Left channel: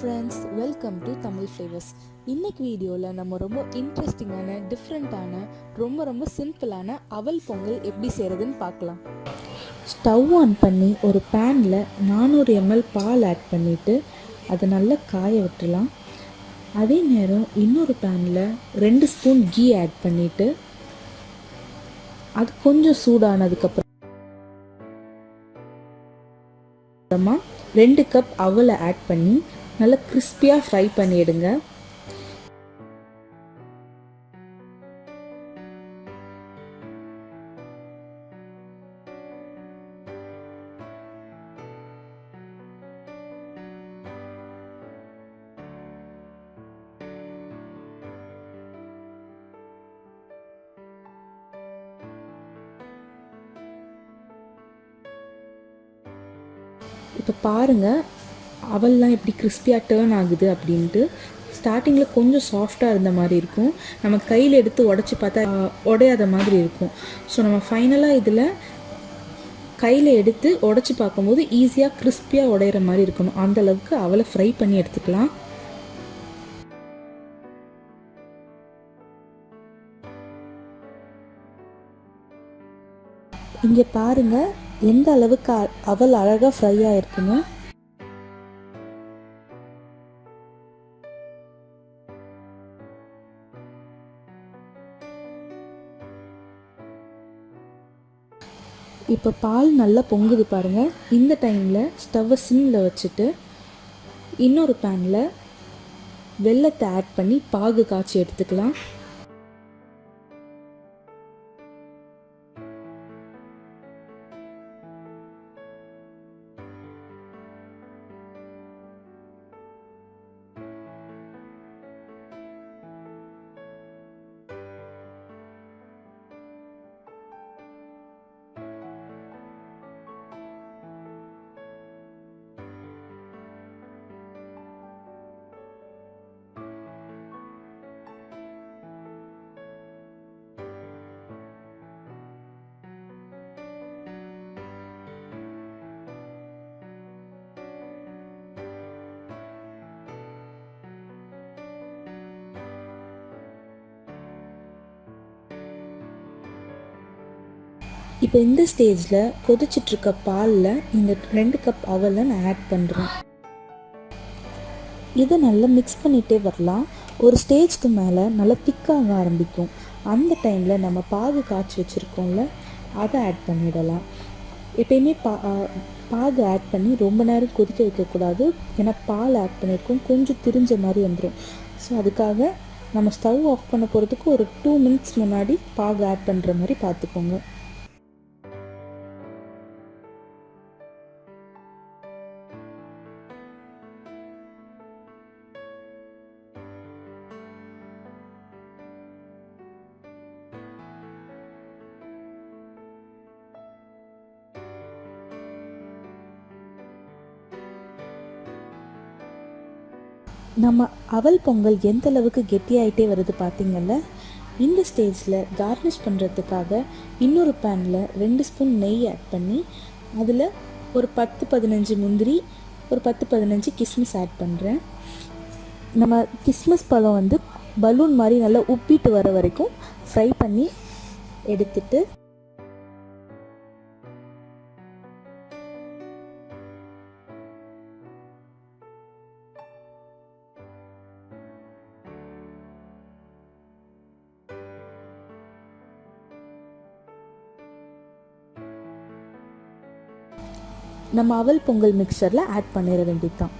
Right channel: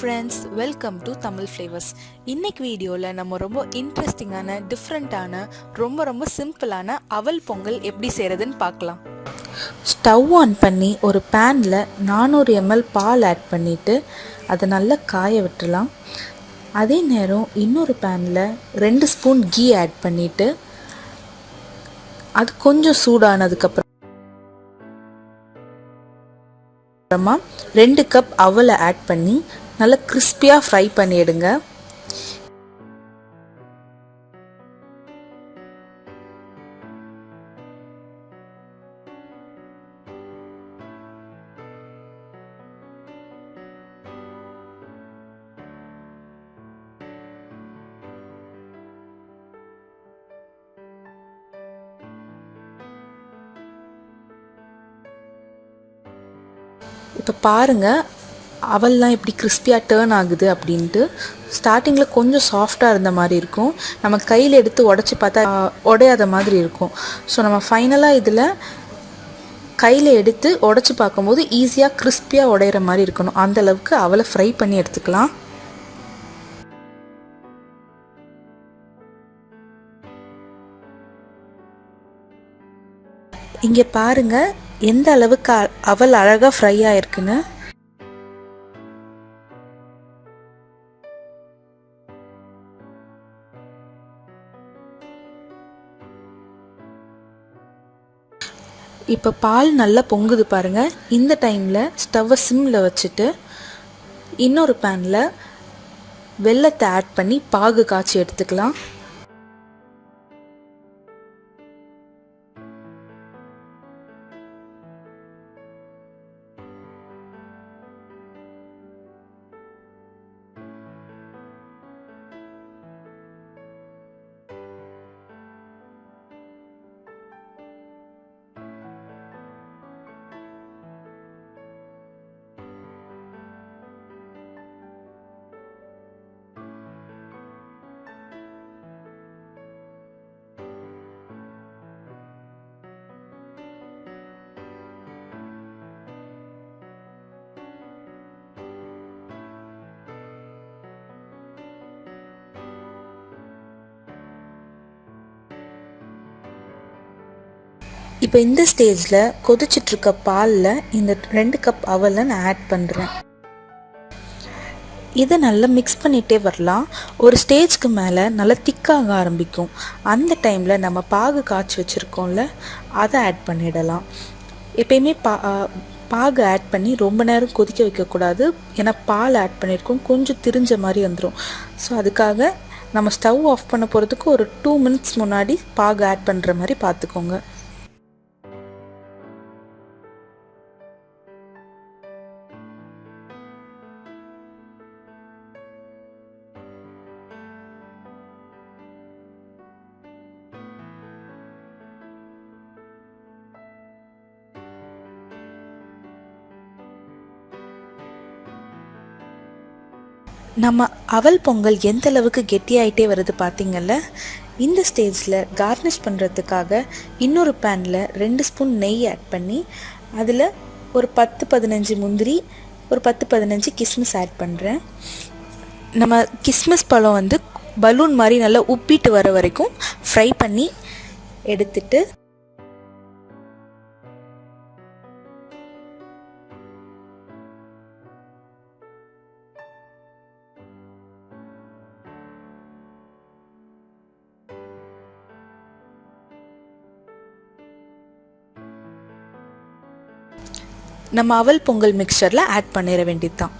Friends, welcome to Tamil flavours. இன்னைக்கு வீடியோவில் நம்ம ரொம்ப இன்ட்ரெஸ்டிங்கான, டிஃப்ரெண்ட்டான, ரொம்ப சிம்பிளான அவல் பொங்கல் எப்படி செய்கிறதுன்னு பார்க்கலாம். ஸ்டவ் ஆன் பண்ணி ஒரு பேனில் 400 ml பால் ஆட் பண்ணிவிட்டு அதை நல்லா காய விட்டுலாம். அதே நேரம் இன்னொரு பேனில் 2 ஸ்பூன் கீ ஆட் பண்ணிவிட்டு அது கொஞ்சம் சூடானதுக்கப்புறம் 2 கப் அவலை ஆட் பண்ணி நல்லா கிறிஸ்பியாக ஃப்ரை பண்ணிடுங்க. இப்போ பாருங்கள், அவல்லாம் எப்படி கிறிஸ்பியாக டேர்ன் ஆகுது அப்படின்ட்டு. ஸ்டார்டிங்கில் கொஞ்சம் சாஃப்டாக இருந்த மாதிரி இருக்கும், நம்ம கையில் எடுத்து உடச்சி பார்த்தா உடையாத மாதிரி இருக்கும். ஸோ நம்ம ஃபைனலாக இதில் கையில் எடுத்து உடச்சி பார்க்கும்போது ஈஸியாக கிறிஸ்பியாக உடையிற மாதிரி இருக்கணும். அந்தளவுக்கு அவலை ஃப்ரை பண்ணி எடுத்துக்கலாம். இங்கே பாருங்கள் எந்த அளவுக்கு அவல் அழகாக ஃப்ரை ஆகிருக்குன்னு. இப்போ பால் நல்லா பொங்குது பாருங்கள். இந்த டைமில் ஸ்டவ்வை சிம்மில் வச்சுட்டு இன்னொரு பேனில் வெல்லத்தை ஆட் பண்ணி பாகு காய்ச்சி எடுத்துக்கலாம். இப்போ இந்த ஸ்டேஜில் கொதிச்சிட்ருக்க பாலில் இந்த 2 கப் அவலை நான் ஆட் பண்ணுறேன். இதை நல்லா மிக்ஸ் பண்ணிகிட்டே வரலாம். ஒரு ஸ்டேஜ்க்கு மேலே நல்லா திக்காக ஆரம்பிக்கும். அந்த டைமில் நம்ம பாகு காய்ச்சி வச்சுருக்கோம்ல, அதை ஆட் பண்ணிடலாம். எப்பயுமே பாகு ஆட் பண்ணி ரொம்ப நேரம் கொதிக்க வைக்கக்கூடாது. ஏன்னா பால் ஆட் பண்ணியிருக்கோம், கொஞ்சம் திரிஞ்ச மாதிரி வந்துடும். ஸோ அதுக்காக நம்ம ஸ்டவ் ஆஃப் பண்ண போகிறதுக்கு ஒரு 2 மினிட்ஸ் முன்னாடி பாகு ஆட் பண்ணுற மாதிரி பார்த்துக்கோங்க. நம்ம அவல் பொங்கல் எந்த அளவுக்கு கெட்டியாயிட்டே வருது பார்த்திங்கல்ல. இந்த ஸ்டேஜில் கார்னிஷ் பண்ணுறதுக்காக இன்னொரு பேனில் 2 ஸ்பூன் நெய் ஆட் பண்ணி அதில் ஒரு 10-15 முந்திரி, ஒரு 10-15 கிஸ்மிஸ் ஆட் பண்ணுறேன். நம்ம கிஸ்மிஸ் பழம் பலூன் மாதிரி நல்லா உப்பிட்டு வர வரைக்கும் ஃப்ரை பண்ணி எடுத்துட்டு நம்ம அவல் பொங்கல் மிக்சரில் ஆட் பண்ணிட வேண்டியது தான்.